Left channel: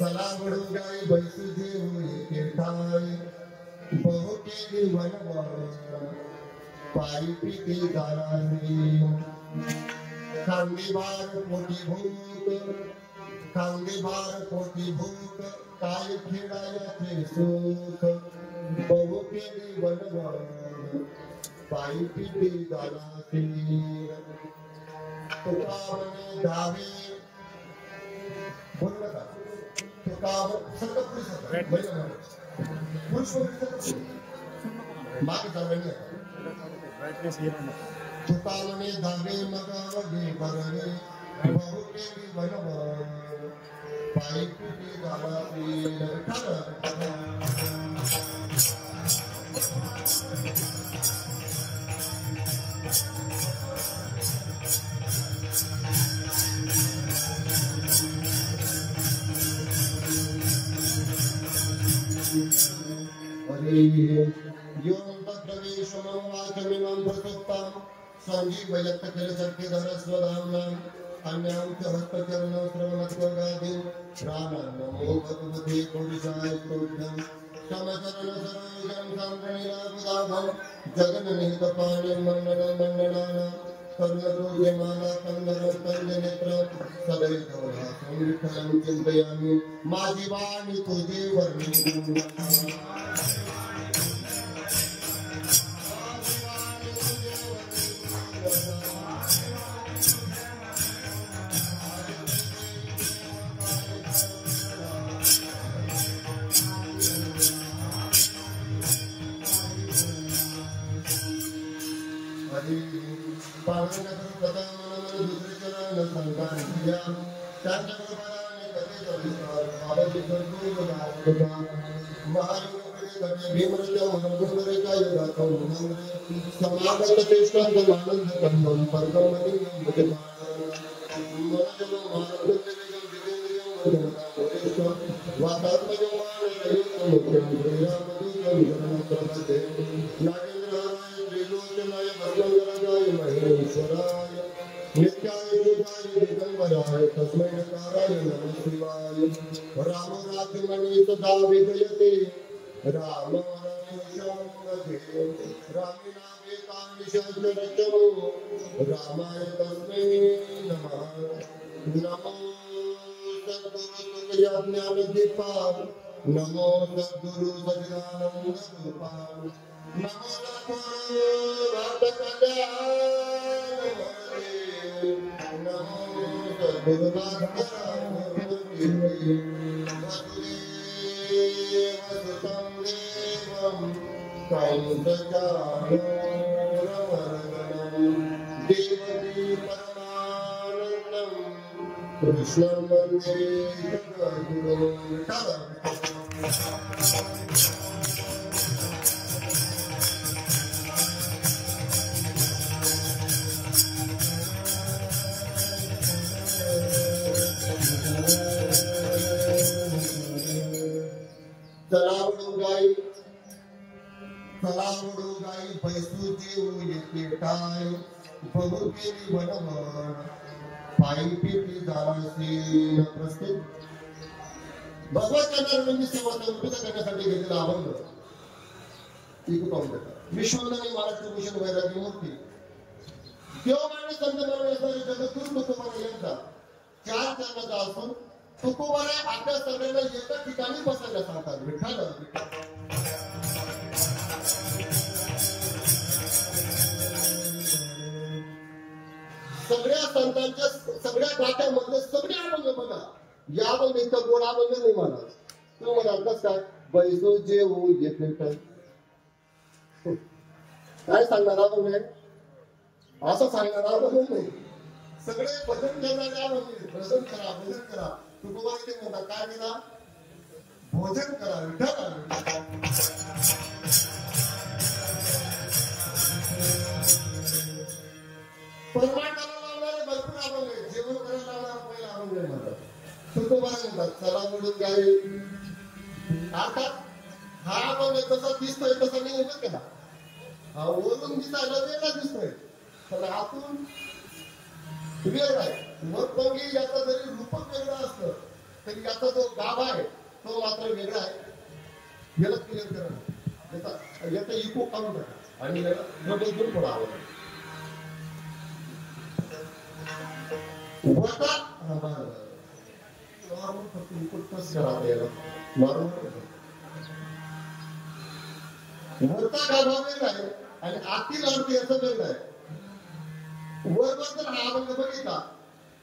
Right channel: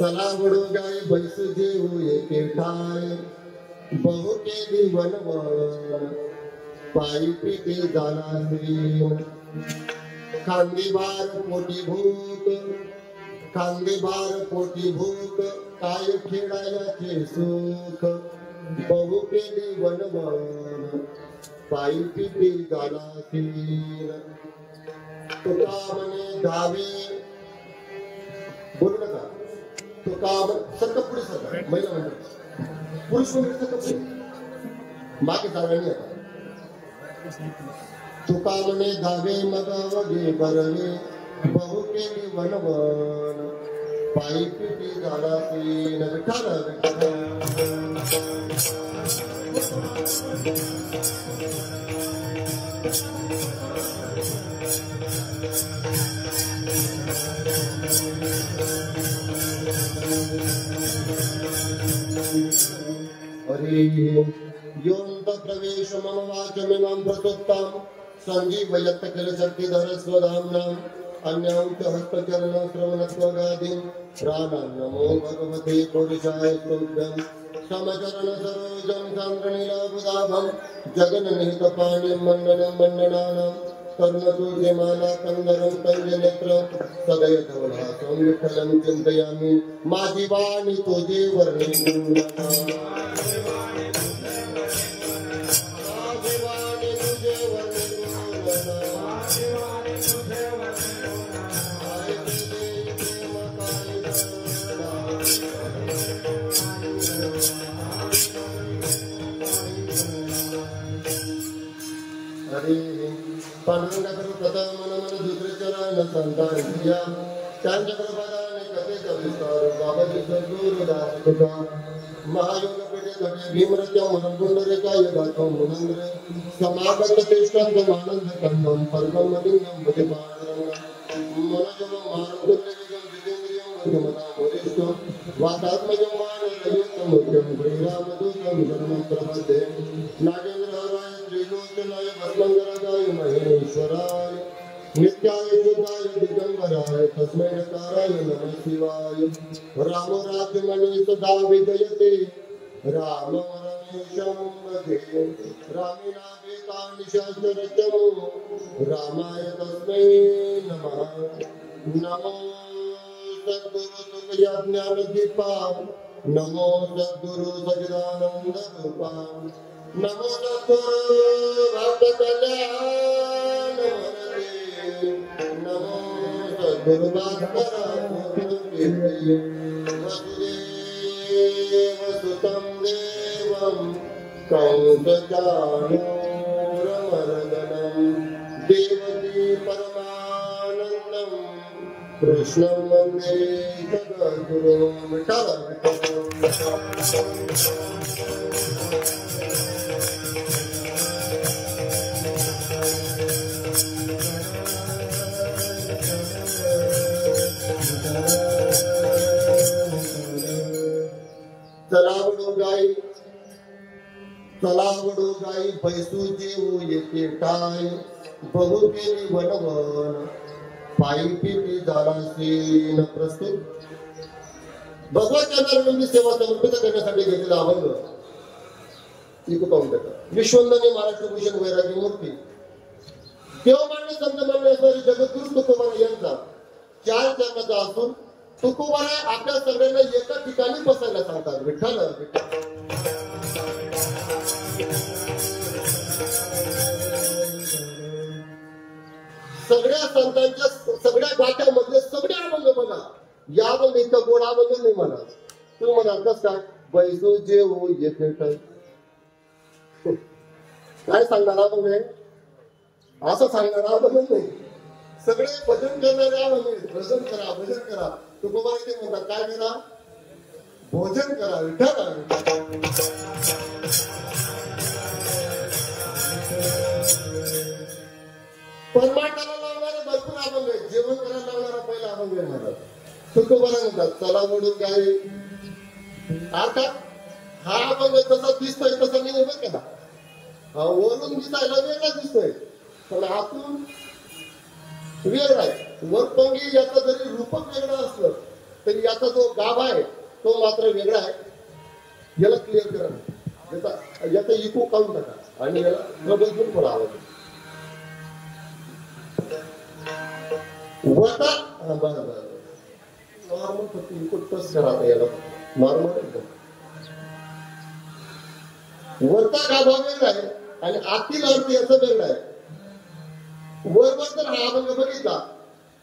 चला बडू गाय बैसू देऊ एके ठाय बहु केली वनवळ पायी पिके जाणारी खांदेबार पोटी भूत काय खेळायचे सुख बहु केली वनवळ पायी पिके जाणारी तुकामने गावी बोलू नका तुकाम सकपडी पुरुष मागे सांगणे तुकामने गावे मगावे करणे बहु केली वनवन पायी पिटी जाणारी योऽन्त प्रवेश मनोवाचमिमं प्रसुप्तां सञ्जीवयत् किल शक्तिधरस्वधाम्नां अन्यां च हस्तचरणं श्रवणत्वगादिं प्राणान् नमो भगवते पुरुषाय तुभ्यं समचरणसरोजं सान्द्रनीलाबुधाभं जगन्निहितपाणिं मण्डनानां कर्णसूर्यमाला कन्दरं कञ्जनेत्र सदयधवलासं विठ्ठलं चिन्तयामि माझी वाणी तुझी वर्णी रामाय तस्मै नमः नमो सद्गुरु ज्ञानदीपा नमो सद्गुरु सच्चिदानंदरूपा नमो नमो सद्गुरु वसुदेवसुतं देवं कंसचाणूरमर्दनं देवकी परमानन्दं कृष्णं वन्दे जगद्गुरुं चलावडो गाई पैसू देऊ येते टाय बहु केली वनवन पायी पिटी जाणासी प्रस्तुत भगवान चंद्रांनी सेवा समर्पित करण्यासाठी घेतलेला अभंग विश्वंदनी महाराष्ट्र भूषण वैरागी मूर्ती देवमान्य संत मानण्यासाठी जगद्गुरु तुकोबारा यांचा 4 चरणाचा असून तुकोबारा आपल्या सगळ्यांना एका ठिकाणी बसायला सांगतात विठ्ठल सगळ्या संतांच्या सगळ्या गाठ्यामध्ये सगळे अभंग बघा यामध्ये इतका गोड अभंग नाही म्हणा तू म्हणाल कस काय बैसू जेवू येते काय सांगणार अभंग आहे असं सांगणार अभंग नाही सगळे भजन करणारे अभंग भजन करा तू बाबा ते म्हणतात काय करा भोजन करा परमात्म्याला लावणारे भरपूर अभंग आहेत जेवण करायला लावणारा पहिला अभंग आहे तुकोबाला म्हणतात चला मोडून काय अर्थात हा म्हणजे कसा दिसतोय तसं नाही होत का वरून दिसायला वेगळा दिसतोय पण आतून वेगळा आहे वरपंगी याचं जरी रूपक वेगळं असलं तरी याचा जो गाभा आहे तो मात्र वेगळा आहे याला क्लिअर करा याचा इको काढून टाका आणि याला बदलून पडा वरता नॉर्मल फक्त इको टच करा याला नॉर्मल वरचा गाभा वेगळा आहे आणि आतील अर्थ याचा वेगळा आहे वरवर जर हा अभंग बघितला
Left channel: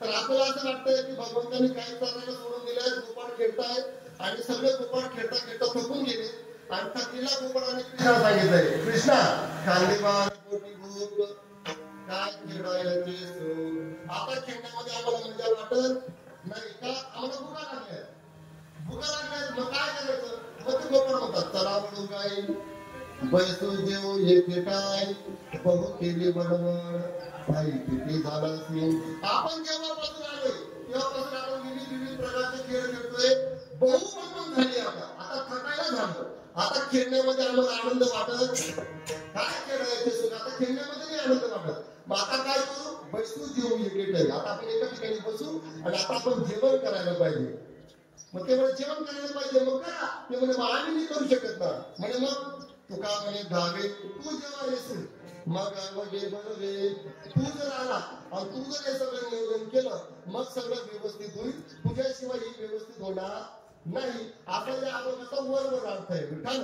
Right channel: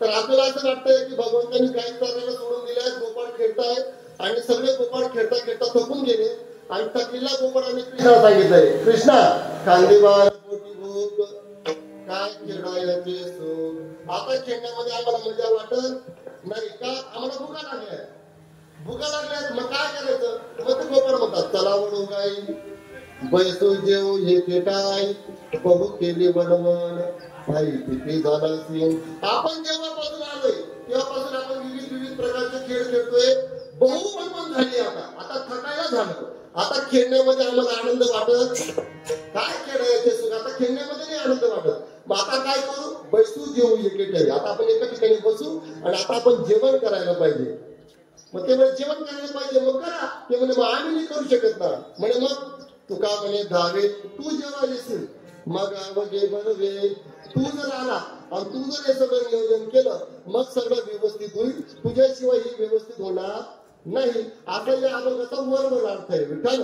तर आपल्याला असं वाटतंय की भगवंतांनी काही चालायला सोडून दिलाय गोपाळ खेळताय आणि सगळे गोपाळ खेळता खेळता थकून गेले आणि थकलेल्या गोपाळाने कृष्णा सांगितलंय कृष्णा खांदेवार पोटी भूक काय खेळायचे आता खेळण्यामध्ये आम्हाला मजा वाटत नाही का आम्हाला भुका लागल्या मग काय करायचं मग ते गोपाळ म्हणतात चला म्हणून काय बैसू जेव हे खेटाय बघू केली बनवून काही किती झाला असेल आपण जेव्हापासून आलोय तेव्हापासून आपण विविध प्रकारचे खेळ खेळतोय बहुमन झाली आता थकायला झालं आता खेळण्यामध्ये आम्हाला आनंद वाटत काय खेळायचे सुख आता खेळण्यामध्ये नाही आनंद वाटत मग आता काय करू बैसू जेवू हे खेटाय आता आपण एका ठिकाणी बसू आणि आता आपण जेवण करायला पाहिजे मग ते जेवण करायला पाहिजे मग करा ते म्हणजे आम्ही नाही करू शकत ना म्हणजे मग तुका म्हणे धावे तू जेव्हा येशील मग बनवे तू जर आला आणि तू जर हे सगळं नियोजन केलं मग सगळं व्यवस्थित होईल तुझ्याशिवाय ही व्यवस्थित होणार नाही आता या अभंगाचा वरवर अर्थ आहे विठ्ठल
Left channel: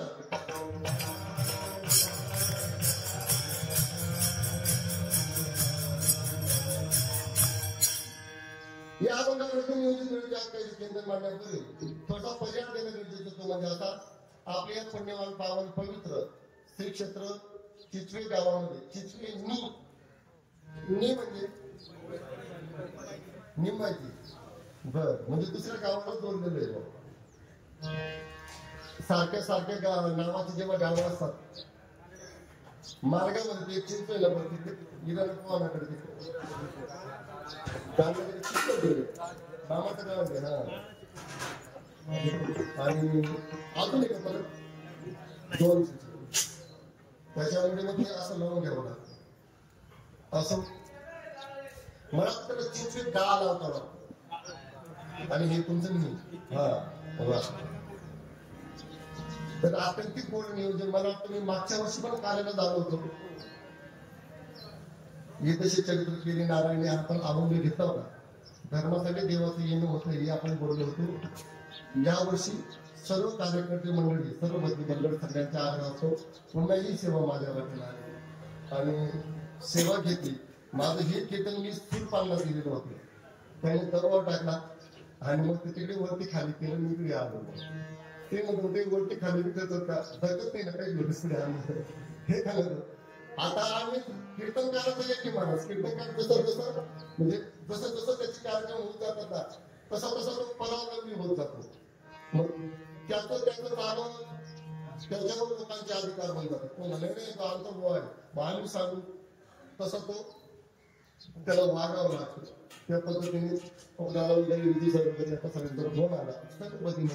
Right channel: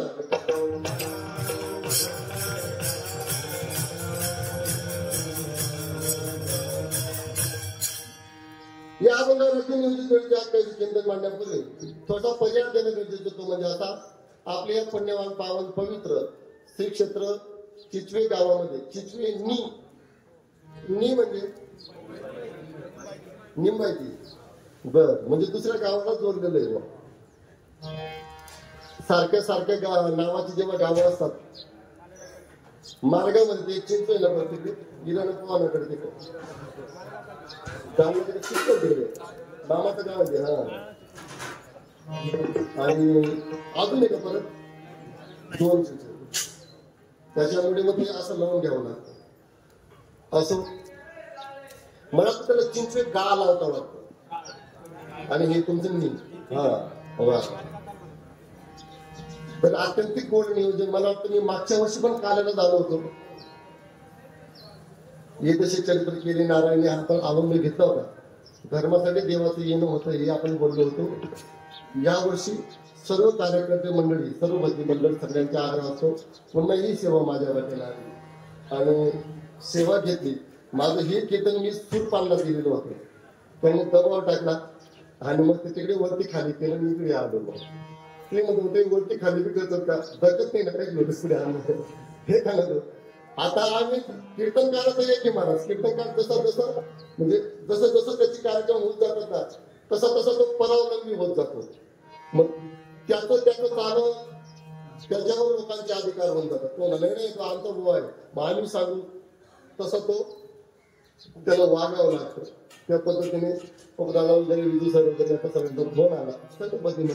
या अभंगावरती नियोजित वेळी काही चिंतन मांडण्यापूर्वी थोडा पर्याय देणं गरजेचं तो म्हणजे असा आपल्या या पुण्यवान पावन पवित्र श्री क्षेत्र चिचवे गावामध्ये चिचवे नी म्हणजे निंबायची बर म्हणजे दुसऱ्या गावाला जोडलेलं आहे सारख्या नावाची जेव्हा गावं असतात मार्गामध्ये चिंचवेला पडते गिराला पवानाकडे तिथे मामाचं गाव आहे हा आणि अजून एक परत दोन त्याच्यामध्ये मग असं लावून घ्यावं लागतं असं मला त्याला चिंचवे गाळा लावता लागतं आणि हे तुमचं मी हा तर आत्यंतिक गोड नियोजन मला वाटतं मी मागच्या वर्षी पण कालाला झालो होतो हे तसे चरित्र केले नारायणी आपण अवलंब घेतला होता धर्मासाठी देवाचं येणं होतं हे आपण बोललो होतो या वर्षी सर्व कार्यकर्ते मंडळी सर्व भक्ती मंडळ सगळ्यांच्या आग्रह असतो पुन्हाही सेवा माझ्या वाटेला आली आणि सेवा घेतली माझं हे कीर्तन मी सूर पालना दिलेलं होतं त्याने दबाव टाकला आणि मग तिकडे वरती खाली केलं मी इकडे आलो ते मग कुठे वरती खाली करत होता दगत नाही ना काही पुढे आलो हे खालं आता आम्ही कीर्तनकाराचं एक महाराज कीर्तनकार जसं म्हणजे जसं त्याची कार्यक्रम होत जातात तसा तो परावलंबी होत जातो मग त्याचं चालू त्याच्यावर लोकांचे अधिकार होऊन जातात तो नाही तो आमचा बुवा आहे मग आम्ही सांगू तसं तो त्याला वागावं लागतं त्या पद्धतीने विधी सर्व फोन आला त्या पद्धतीने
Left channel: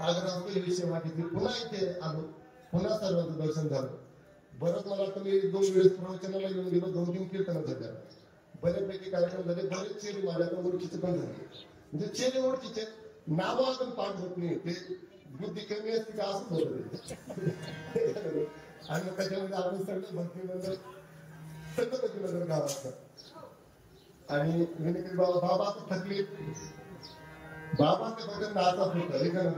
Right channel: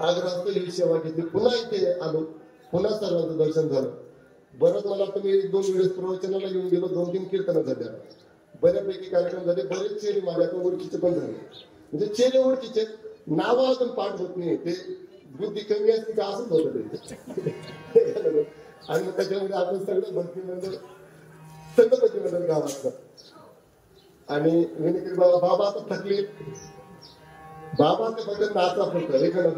आग्रहात ही सेवा घेतली पुन्हा इथे आलो पुन्हा सर्वांचं दर्शन झालं बरंच मला तुम्ही 1-2 वेळेस प्रवचनाला येऊन गेलो 2-3 कीर्तन झाल्या बऱ्यापैकी कार्यक्रम झाले बरेच चेहरे माझ्या ओळखीचे पण झाले म्हणजे चेहरे ओळखीचे नावं अजून पाठ होत नाही ते बुद्धी कमी असते का असंच होतं आणि त्याच्यामध्ये आपण सगळे भक्ती म्हणजे सगळं भक्ती मंडळ गाव असतात आणि विनकरी बाबा आता थकले बाबाचं बघत नाचा फक्त हे कळत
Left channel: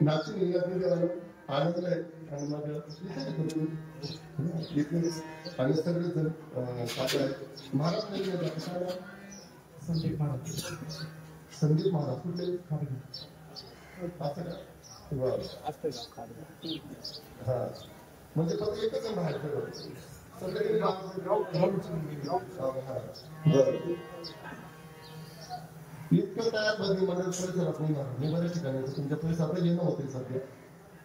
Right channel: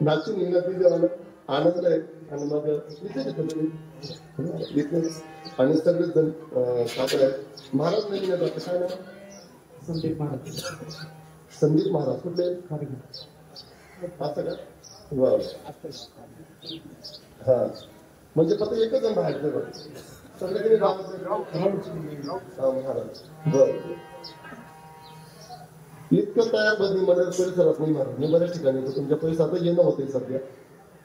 नाचून निघत देवाला आनंद आहे आणि मग आणि सगळेच जण महाराज नाही कसं संदीप महाराज कुठले असं का हा म्हणजे फक्त एकच बाहेर सगळे इतकं तयार बदली मला परिसरात नाही मारत मी बऱ्याच ठिकाणी तुमच्या परिसरात येणं होते सध्या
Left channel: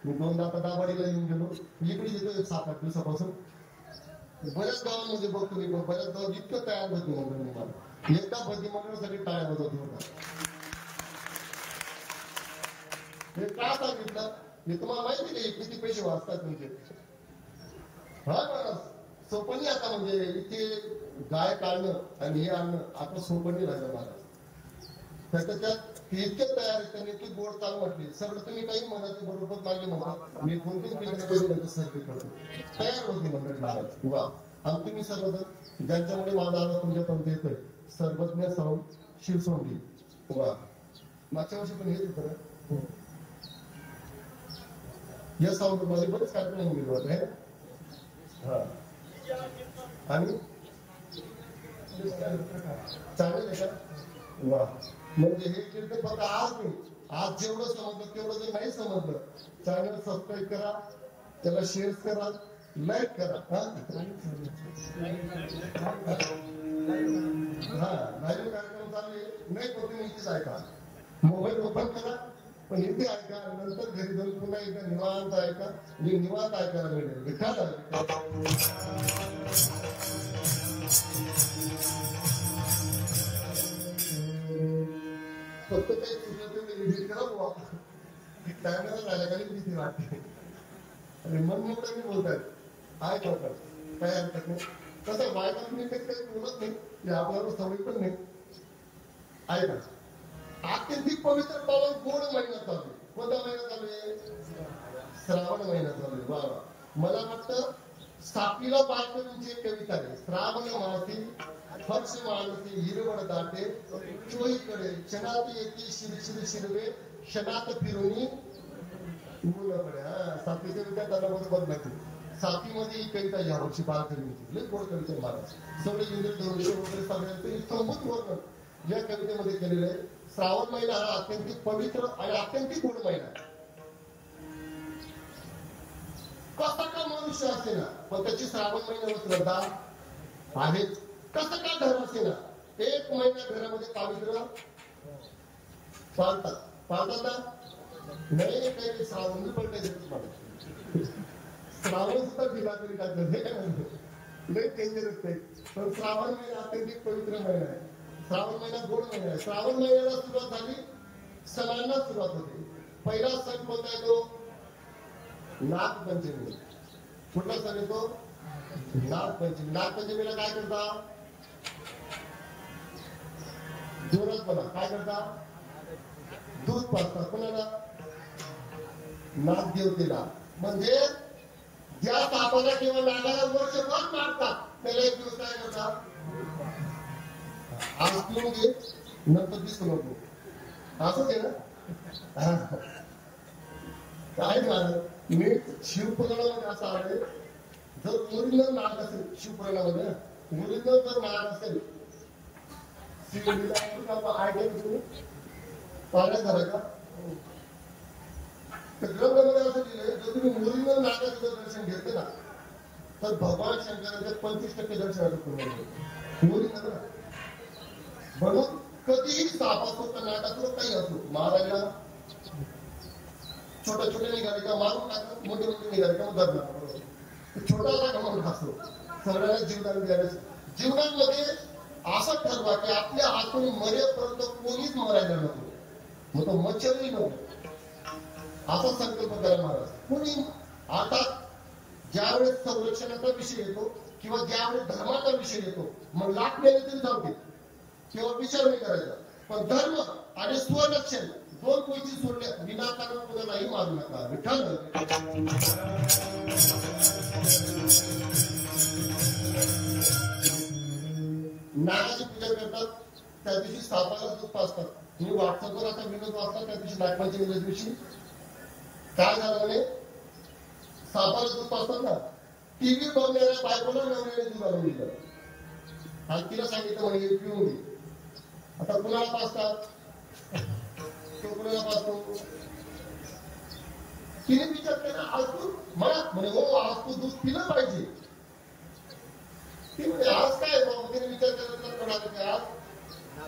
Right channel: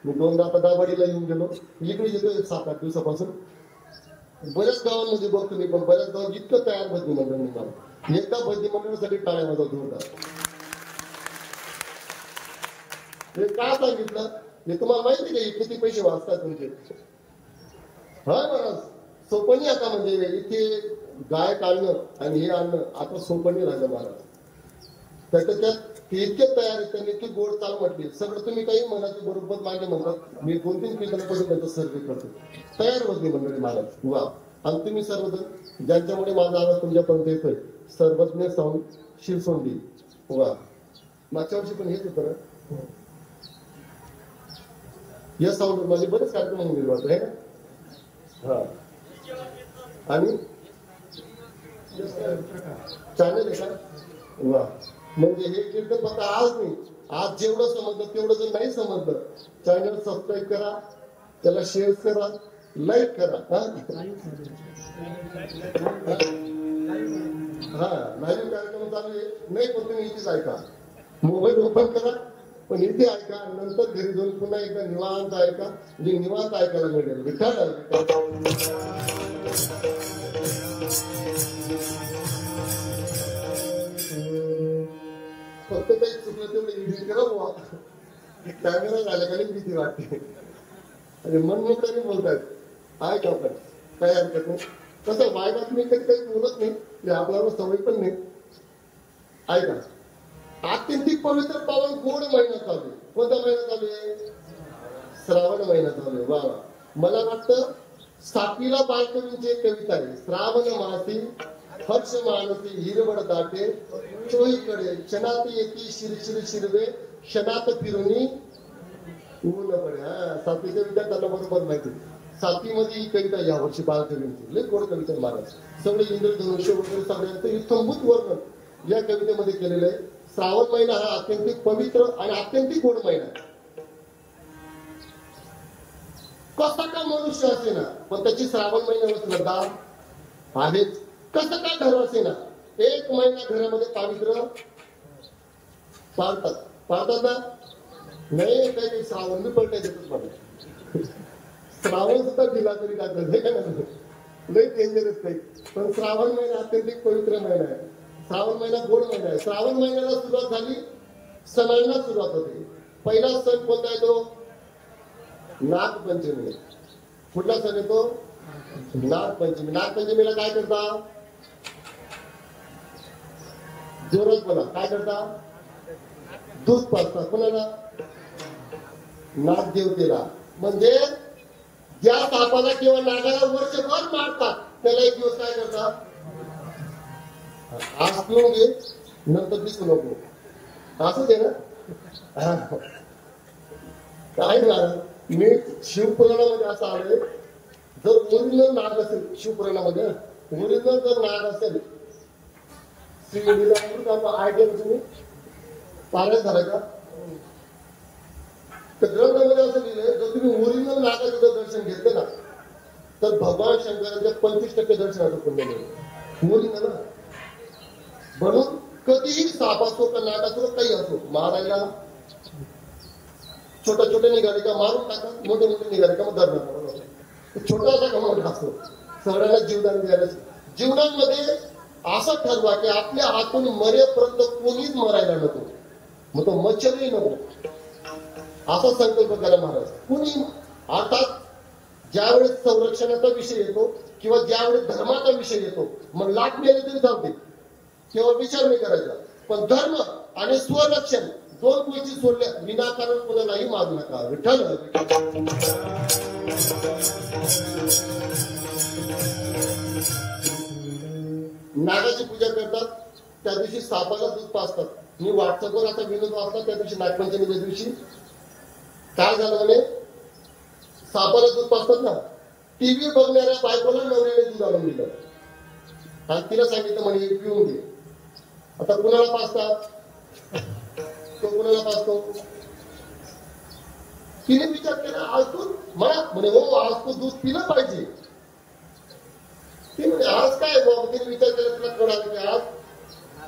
मी 2दा आता दाबाडीला येऊन गेलो इकडे येतो 7-8 दिवसापासून बऱ्याच गावांमध्ये बघतो मी पण बऱ्याच गावात इतकं तयार बदली मंडळ एकदा बदली मंडळासाठी टाळ्या माझा जोरदार हे का सांगितलं? हे तुम्हाला माहिती आहे किती पैसे वाचतात तुमचे? हा महाराज सोपं नाही आता, म्हणजे इथे गाय काढणं आणि हे आणणं आता सोपं नाही राहिलं महाराज. त्याच्यात इतके तयार आहेत, त्यांनी इतकी गोड चाल म्हटली, सगळं तुम्ही काही म्हणा ते बरोबर मागे म्हणतात. मी 2-3 मिनिटांमध्ये सर्वे करतो, तयार होती मंडळी महाराज. वा. आणि तुम्ही सर्वजण ज्यांच्यामुळे माझा आवाज तुमच्यापर्यंत येतोय, सर्वज्ञ साऊंड शिरसोंडी. वा. मागच्या वर्षी पण हेच होतं ना या साऊंड मध्ये बरेच कार्यक्रम निर्माण आहे. हा. आणि चॅनल आहे का? वा. म्हणजे हे कीर्तन फक्त आज नाही, आज जेवढं समजलं तेवढं जर नाही समजलं, चॅनल सबस्क्राईब करा, त्याला शेअर करा, लाईक करा. हा, लाईव्ह कार्यक्रम चालू आहे, नाही पण तुम्ही इथेच ऐका, मोबाईल ओपन करा पण इथे ऐका, नंतर घरी जाऊन पुन्हा एकदा निवांत ऐका, म्हणजे निवांत ऐकायला मिळेल. विठाल फक्त काही चुकलं कॅमेरा झाला का भीती वाटते आणि मन मोठ्याने बोलतायत, काय करतात काय हरकत नाही. कसं बायकात मी काही बोलत नाही, आपल्याला सवय पण नाही. ऐका, अत्यंतिक पवित्र पावन गोड महिना चालू आहे. कोणता महिना चालू आहे? श्रावण महिना चालू आहे. वा. मला वाटतं साकीला बायकरींची एक कविता आहे, श्रावण मासी हर्ष मानसी हिरवळ दाटे चोहीकडे, क्षणात येते शिरशिर शिरवे, क्षणात फिरुनी ऊन पडे. हा, साथी कविता त्याला बरोबर माहिती. साथीमध्ये ही कविता या वर्षी बाळकरींची लई गोड कविता महाराज. सगळे इंद्रधनुष्य वगैरे सगळ्यांचं इतंभूत वर्णन या कवितेमध्ये केलेलं आहे. श्रावण महिना हा अत्यंतिक पवित्र आणि अत्यंतिक गोड महिना आहे. कसा का मनुष्य असेना पण त्याची श्रावण महिन्याला श्रद्धा आहेच. कसं काय घर असेना, एक महिना घरामध्ये पवित्र पाळतात. पाळतात ना? नाही काही श्रावण बी पडते, श्रावण सुद्धा दिला तरी काय नाही डेंजरच नाही. पण श्रावण महिना अत्यंतिक पवित्र महिना आहे. श्रावण महिना गोड महिना आहे. श्रावण महिन्याला सुरुवात झाली, सणांना सुरुवात होते. पहिला सण कोणता येतो? नागपंचमी. कुठला सण येतो? नागपंचमी. नागपंचमीला काय करता? जोरात बोला, काय करता? दूध पाजता. कोणाला? नागदेवतेला. म्हणजे ज्या सापाला किंवा नागाला वर्षभर मारतात त्याला एक दिवस काय करतात? आज पिऊन घे, नंतर दिसू नको, असं आहे ना. काय झालं, मी शिवपुराणामध्ये असं आलोय, जर ओरिजिनल नाग असेल शिवपुराणामध्ये, ओरिजिनल जर नाग असेल, आयडिया तुम्ही पारायण झालं का? तर ग्रंथामध्ये असं लिहिलंय, जर तुम्ही ओरिजिनल नागाचं जर दर्शन घेतलं ना तर भगवान शंकराच्या 25% दर्शनाचं पुण्य मिळेल. ओरिजिनल म्हणून कधीही साप असो का नाग असो काही असो, मारायला छोट्या छोट्या निघाले का मारून टाका, मोठे मोठे निघाले का मग धरणार. छोटासा घमंड असतो, सगळ्याला जीवदान द्यायला. जीवनामध्ये असं ठरवा की आपल्या हातून मरेपर्यंत कोणीच मरायला नको, मग तो मच्छरही नको, असा संकल्प करा महाराज. कुणी अर्थात ज्यावेळेस संरक्षणाचा विषय येतो किंवा ज्यावेळेस धर्माचा विषय येतो मग लाख मेले तरी जाते किंवा विचार नाही करायचा. पण धर्म आणि स्वरक्षण दोन गोष्टी सोडल्या विनाकारण कोणालाही मारू नका. विठ्ठल नागाची पूजा करतात, त्या दिवशी सापाला दूध पाजतात. मी व्हॉट्सअपवर आता विनोद वाचला, त्या दिवशी नागपंचमीच्या दिवशी काय झालं म्हणे, सापाला दूध पाजतात ना, टीव्ही बघणाऱ्या बायकोला नवऱ्याने दूध आणून दिलं आणि तिला सांगितलं म्हणे पिऊन घे. आता कुणाला पाजतात? तो कुणाला पाजतो? तिने विचार केला, आज तू मला म्हणे हो आज तू दूध पिलं पाहिजे. ती म्हणजे आज काय बाबा, तिने विचार केला तुला कोणाला आज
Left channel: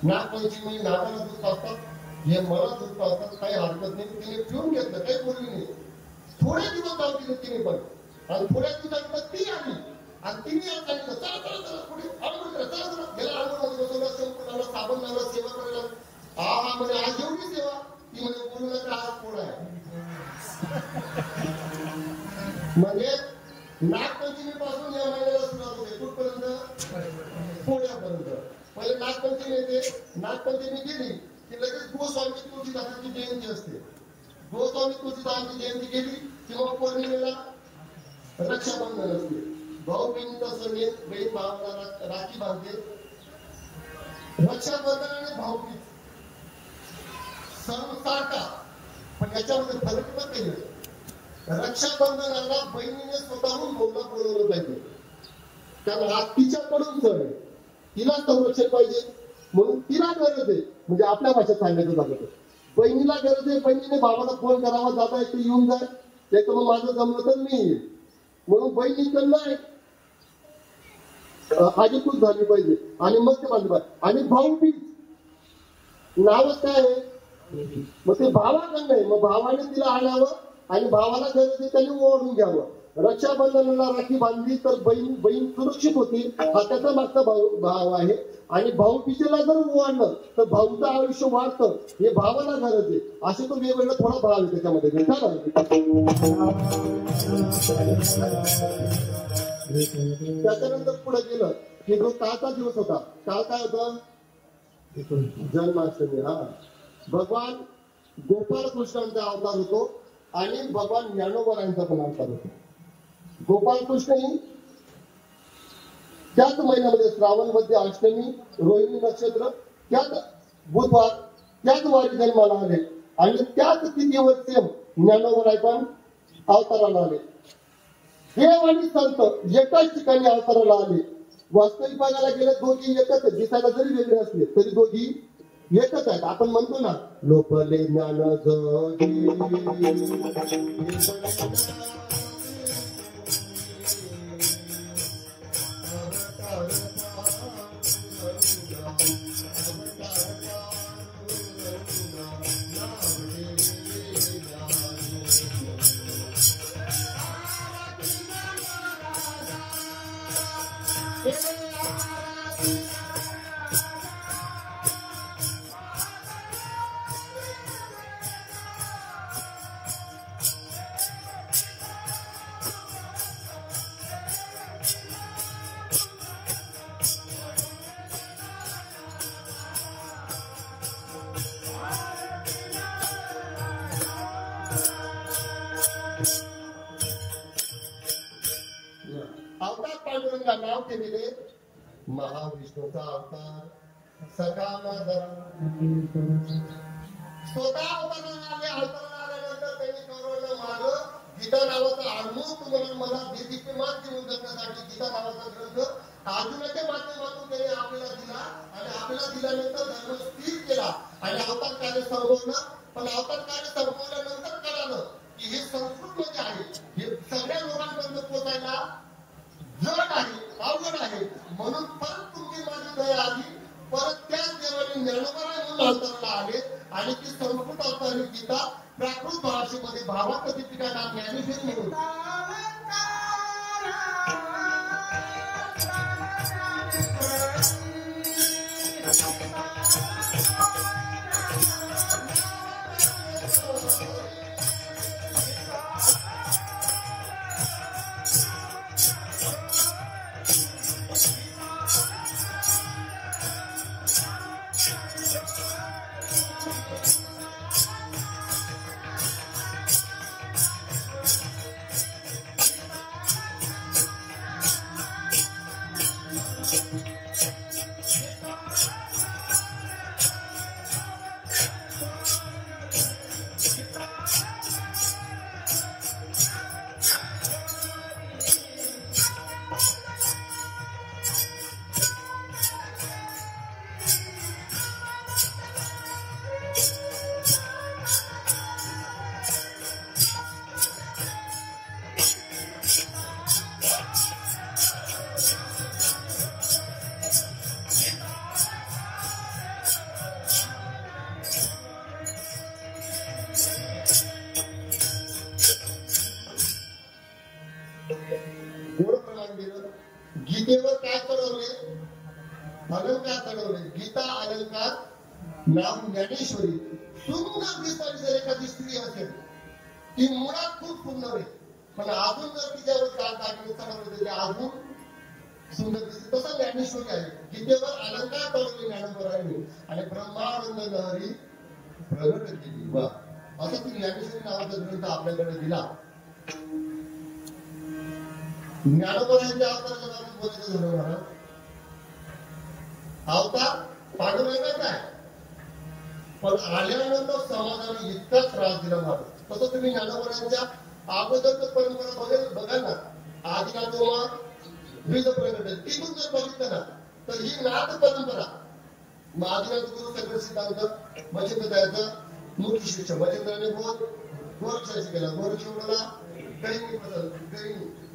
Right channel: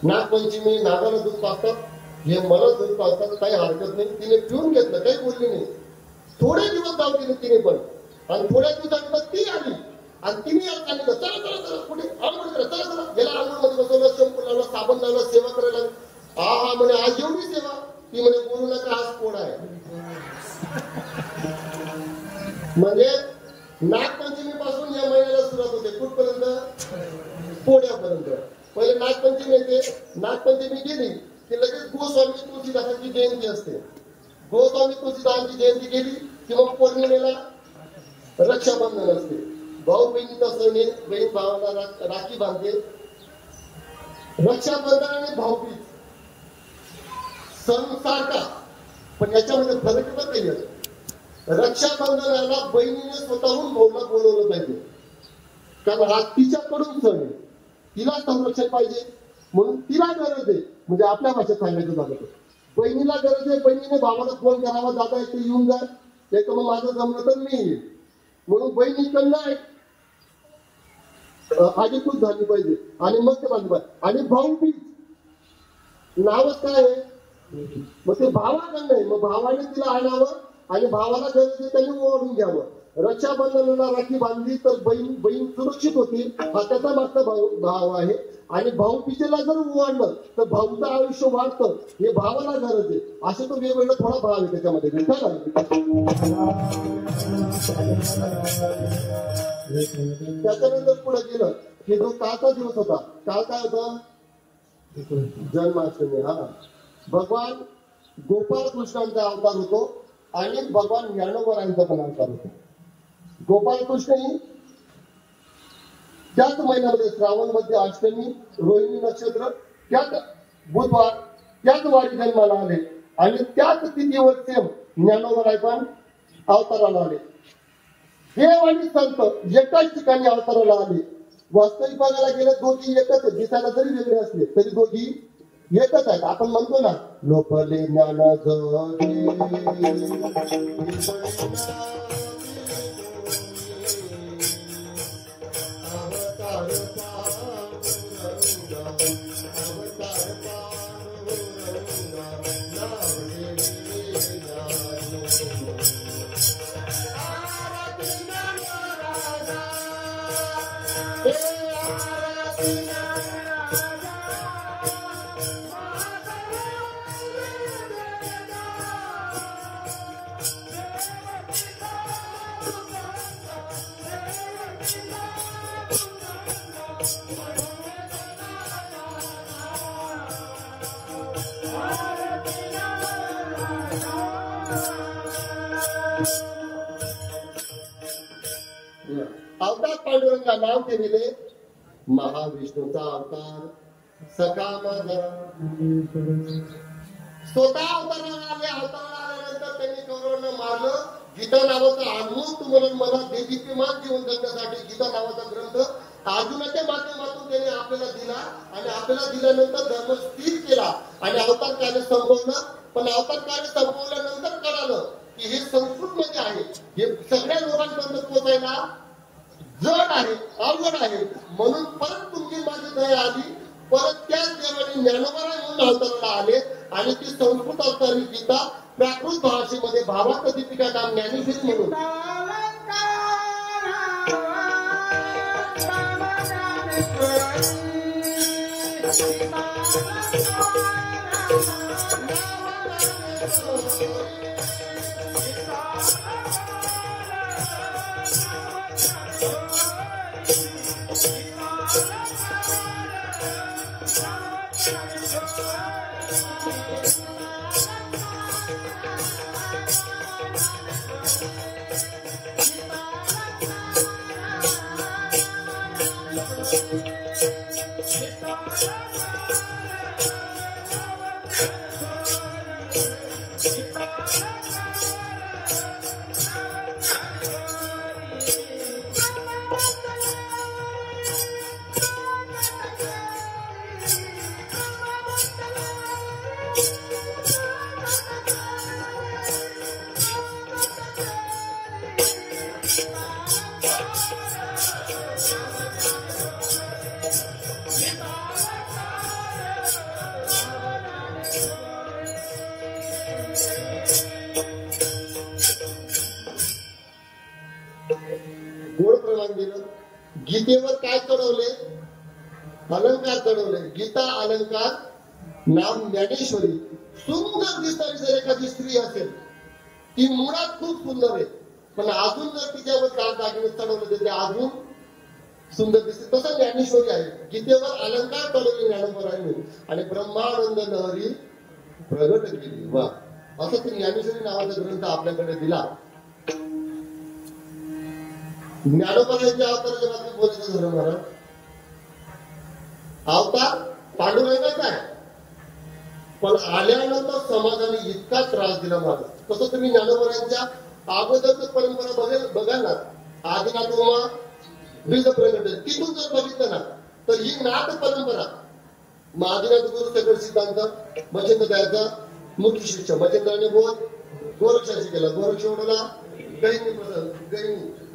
नागपंचमी नागाला दूध पाजतात, हे मला दूध पाजतात, काही हरकत नाही. तिने पिऊन घेतलं, काही बोलली नाही. थोडे दिवस जाऊ तिने पण, आणि थोड्या दिवसांनी ती आली आणि तिने सांगितलं चला चला चला पुढे चला चला, गेला आंघोळमध्ये बसवलं, शंपू लावला, साबण लावला, सेवा करायला. हा म्हणे आज एवढी सेवा ती म्हणे बोलू नका, आज पोळा आहे. म्हणजे नागपंचमी पासून या महिन्याला सुरुवात होते. कुठपर्यंत? पोळ्यापर्यंत. पहिले नागपंचमी येते. नागपंचमी गेली की लगेच गोस्वामी तुळशीदासांची जयंती असते. गोस्वामी तुळशीदासांची जयंती गेली की मग पौर्णिमेला रक्षाबंधन असते. भाऊ बहिणीचा सण आहे. बहीण भावाला राखी बांधते. रक्षाबंधन आणि भाऊबीज सण सारखा, पण याच्यामध्ये फरक तर काही आहे. रक्षाबंधनाला बहिणीने स्वतःहून भाऊला बोलवलं पाहिजे, कारण हा तिच्याकडून सण आहे. तिला संरक्षण पाहिजे म्हणून तिला गरज आहे. म्हणजे आपल्या भाषेत सांगायचं झालं तर बहिणीला गरज आहे. बहिणीने भावाला फोन करावा, दादा इथे येऊन जा, एक मग माझं जमलं तर मी येईल. म्हणून बहिणीकडनं आधीपूर झाली पाहिजे आणि मग ते बांधलं पाहिजे. आणि भाऊबीज नावच काय आहे, मग ते भावाकडनं आहे. मग भावाने तिला आणावं आणि भावाला गरज आहे त्याने ओढून घ्यावं. रक्षाबंधनाला राखी बांधली तर बहीण सुरक्षित होती, हा त्याचा मागचा भाव आहे. आणि भाऊबीजेला जर ओढलं तर भाऊचं आयुष्य वाढतं, हे भावाला गरज आहे. असे तो वेगवेगळा थोडा भाव आहे त्याच्यामध्ये. त्याच्यानंतर पुढे गेलं की जो कालचा दिवस होता, काल काय होता? जन्माष्टमी. हा, भगवान गोपाळ कृष्णांचा अवतार होतो आणि भगवान ज्ञानोबरायांचा पण अवतार होतो. गोपाळ कृष्ण ही त्याच महिन्यामध्ये श्रावण मध्ये अष्टमी, रोहिणी नक्षत्र, त्याच बुधवार, त्याच वारी जन्माला आले आणि त्याच तिथीवर सेम ज्ञानोबराय पण अवताराला आले. देव आणि संत एकाच ठिकाणी अवताराला आले. वास्तविक बघायला गेलं दोघी एकच, दिसायला जरी वेगळे असले तरी दोघी एकच आहेत. आपण म्हणतो ना, लोपले ज्ञान अवतार पांडुरंगा नाव केलेले महाविष्णूचा अवतार सखा माझा. स्वतः अवताराला आल्यानंतर त्यांनी कौरवांना मारलं. गीता नावाचा आत्मूक्त म्हणून मला देदीप्यमान जीवन जगण्यासाठी गीता नावाचा ग्रंथ अर्जुनाच्या माध्यमातून त्याने आपल्याला दिला आणि आपल्याला दिल्यानंतर धर्म स्थिर केला आणि अवतार कार्य संपवलं. पण अवतार कार्य संपवल्यानंतर कळालं की हे संस्कृत मध्ये आहे, हे सगळ्या लोकांपर्यंत पोहोचायला जड आहे, अवघड आहे. म्हणून परत तुमची माझी दया आली. परत त्याच देवाने ज्ञानोबराय म्हणून अवताराला आले आणि ती संस्कृत अवतारी गीता प्राकृत भाषेमध्ये भावार्थ दीपिका नाम ज्ञानेश्वरी म्हणून गीतेवर काय चढवले? अलंकार चढवले. गीता अलंकार नाम ज्ञानेश्वरी सुंदर दिसणारी जर एखादी स्त्री असेल, ती मुळात खूप सुंदर आहे, पण अजून जर तिच्यावर दागिने चढवले ते अजून सुंदर दिसते. तसं ज्ञानेश्वरी आहे. गीतेवर अलंकार कळवले ज्ञानेश्वरांनी आणि ब्रह्मानंद लहरी प्रगट केली. वा, असं तुम्ही ज्ञानेश्वरी नावाचा ग्रंथ आपल्याकडे दिला. ज्ञानोबाच्या अवताराच्या बाबतीत बोलायचं झालं महाराज, अवतार पांडुरंगाचा आहे, पण आल्यानंतर समाजाने इतका त्रास दिला महाराज. तसं तुम्ही ज्ञानोबाच्या अगोदरच परंपरा बघा ना, आदिनाथ बीज प्रगट तिथून जर बघितलं ना तर ही नाथ परंपरा. आदिनाथ गुरु सगळं सिद्धांत मच्छिंद्र द्यायचा मुख्य शिष्य मच्छिंद्राने बोल गोरक्षाशी केला. गोरक्षेवढला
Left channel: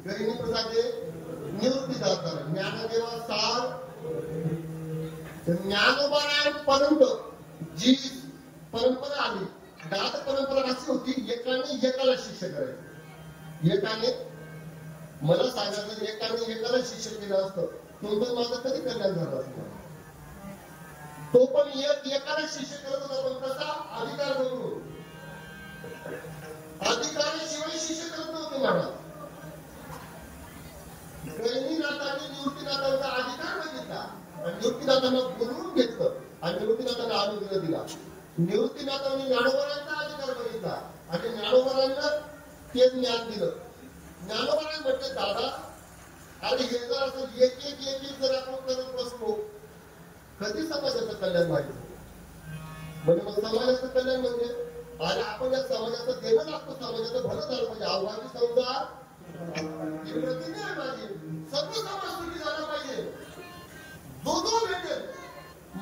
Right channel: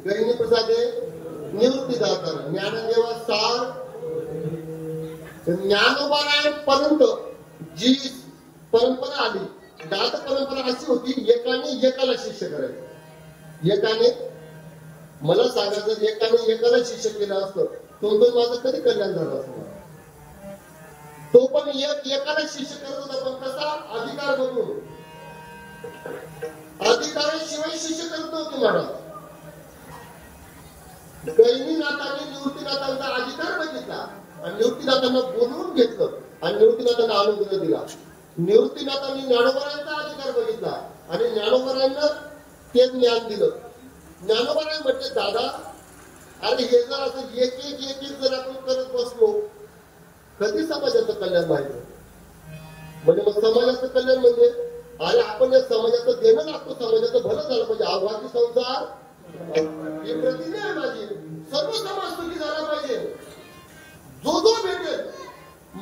गहिनी प्रसादे निवृत्ती दाताना ज्ञानदेवा सार ज्ञानोबापर्यंत जी परंपरा आली, नाथ परंपरा अशी होती, एकाने एकाला शिष्य करायचं. एकाने मला सांगायचं, एकाने एकाला शिष्य केलं असतं तुमचं माझं कधी कल्याण झालं असतं. तो पण एकाला शिष्य करत होता, पण कसा अधिकार बघून, अधिकाराशिवाय शिष्य करत नव्हते महाराज. गहिनीनाथाने निवृत्तीनाथांचा अधिकार बघितला आणि निवृत्तीनाथांना बोलवून घेतलं आणि निवृत्तीनाथांना अनुग्रह दिला. निवृत्तीनाथांनी ज्ञानोबारांचा अधिकार बघितला आणि ज्ञानोबारांना ते ज्ञान दिलं. ज्ञानोबारांनी म्हटले, दादा अरे हे जर असं एक एक जर आपण करत बसलो कधी समाजाचं कल्याण व्हायचं. म्हणजे मग समाजाचं कल्याण म्हणजे अरे आपण या समाजाचं देणं लागतो, समाजाचं भलं झालं पाहिजे. आव्हानी संसार ही प्रतिज्ञा आहे माझी, सर्व समाज सुखी झाला पाहिजे. जो भेटेल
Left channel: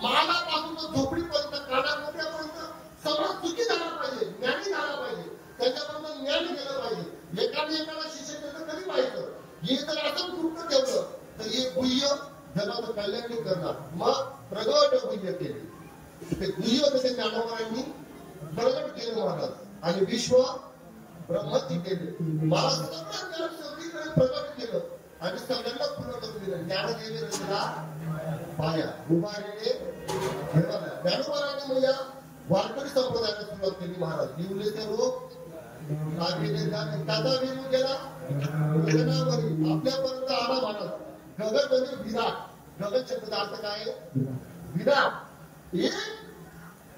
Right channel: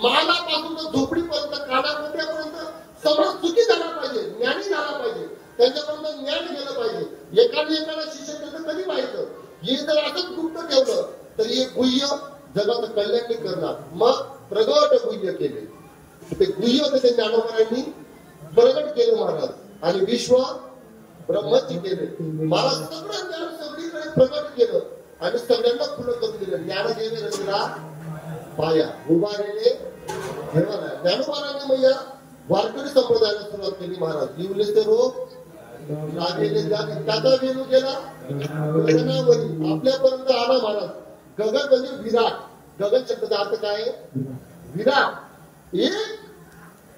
मालापासून तर झोपडीपर्यंत कानाकोट्यापर्यंत समाज सुखी झाला पाहिजे, ज्ञानी झाला पाहिजे, त्याच्यापर्यंत ज्ञान गेलं पाहिजे. एकाला शिष्य केलं कधी व्हायचं. हे जर असंच गुप्त ठेवलं तर हे गुह्य जगाचं कल्याण करणार. मग प्रगट गुह्य केले, ते गुह्य त्याच्या ज्ञानोबारांनी प्रगट केले महाराज आणि विश्व ब्रह्मची केले. मला सगळं ज्ञान सगळीकडे प्रगट केलं आणि सगळ्यांना पुढे केलं. ज्ञान गेले रचना पाया उभारले ज्ञानोबारांनी मग या वारकरी संप्रदायाला सुरुवात केली महाराज. जीवले ते रोग लागलेले त्याचा वेणू गेला आपल्यापर्यंत आला महाराज. गगन म्हणजे विराट. गगन शब्दाचा अर्थ काय? विराट. एक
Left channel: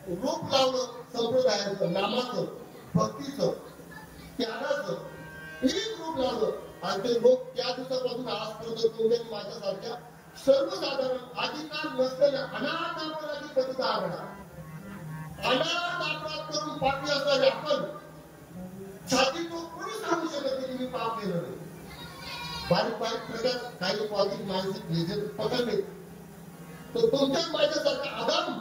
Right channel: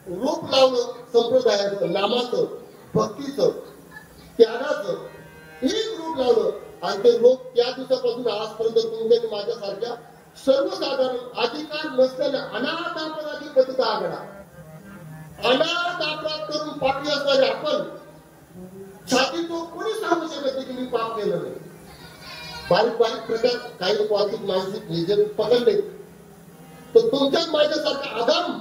रूप लावलं संप्रदायाचं, नामाचं, भक्तीचं, त्यागाचं एक रूप लावलं आणि ते लोक त्या दिवसापासून आजपर्यंत तुमच्या माझ्यासारख्या सर्वसाधारण अधिकार नसलेल्या अनाथ आघाडा अनाथ अपराध करून पाठी असणारे आपण छाती तो कोणी सांगू शकत नाही की मी पाप केलं नाही. बारीक प्रकार काही पावतिक मानसिक निजन पकडले तर तुमच्याच माझ्यासारखा आदम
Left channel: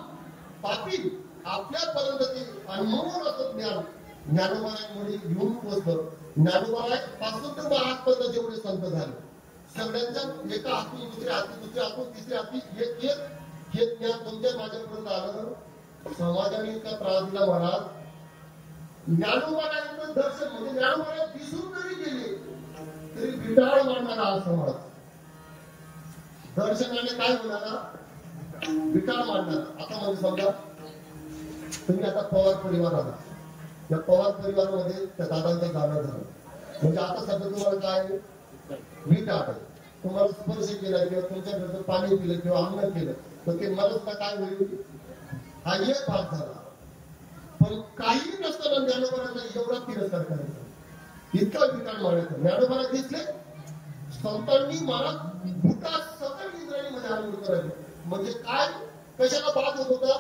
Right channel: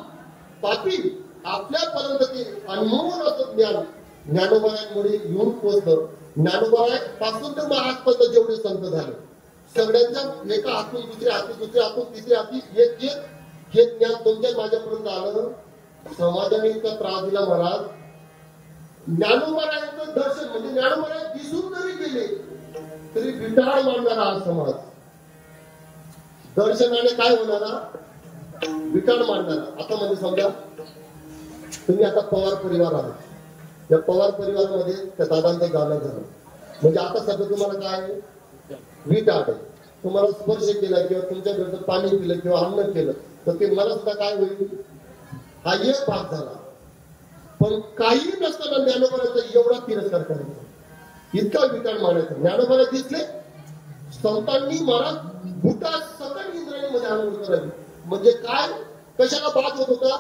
पापी आपल्यापर्यंत ते अनमोल असं ज्ञान ज्ञानोबायांमुळे येऊन पोहोचलं. ज्ञानोबा पासून तर महाराजपर्यंत जेवढे संत झाले सगळ्यांच्या एका हातून दुसऱ्या हातून दुसऱ्या हातून तिसऱ्या हाती एक हे ज्ञान तुमच्या माझ्यापर्यंत आलं. समाजाने इतका त्रास दिला महाराज. ज्ञानोबायांचं दर्शन म्हणजे ज्ञानोबा दिसून जरी गेले तरी विटाळ मानणारा हा समाज दर्शनाने काय होणारा विटाळ मानणारा. आता म्हणजे समजा तुम्ही आता पवार परिवार आहात. या पवार परिवारामध्ये त्या दादांचं गाणं झालं म्हणजे आता सध्या तुम्हाला काय विटाळ तुम्हाला स्पर्श केला किंवा तुमच्या घरचं पाणी पिलं किंवा अन्न केलं तर ते मला सुद्धा काय होईल हा एक भाग झाला. पण काही नसताना ज्ञानोबाचा एवढा तिरस्कार करायचा इतका विटाळ मानायचा. ज्ञानोबाला दिसले संतांनी मला भूता सकल इंद्राणी मध्ये आनंद करावी म्हणजे काय कशाला बात होत होता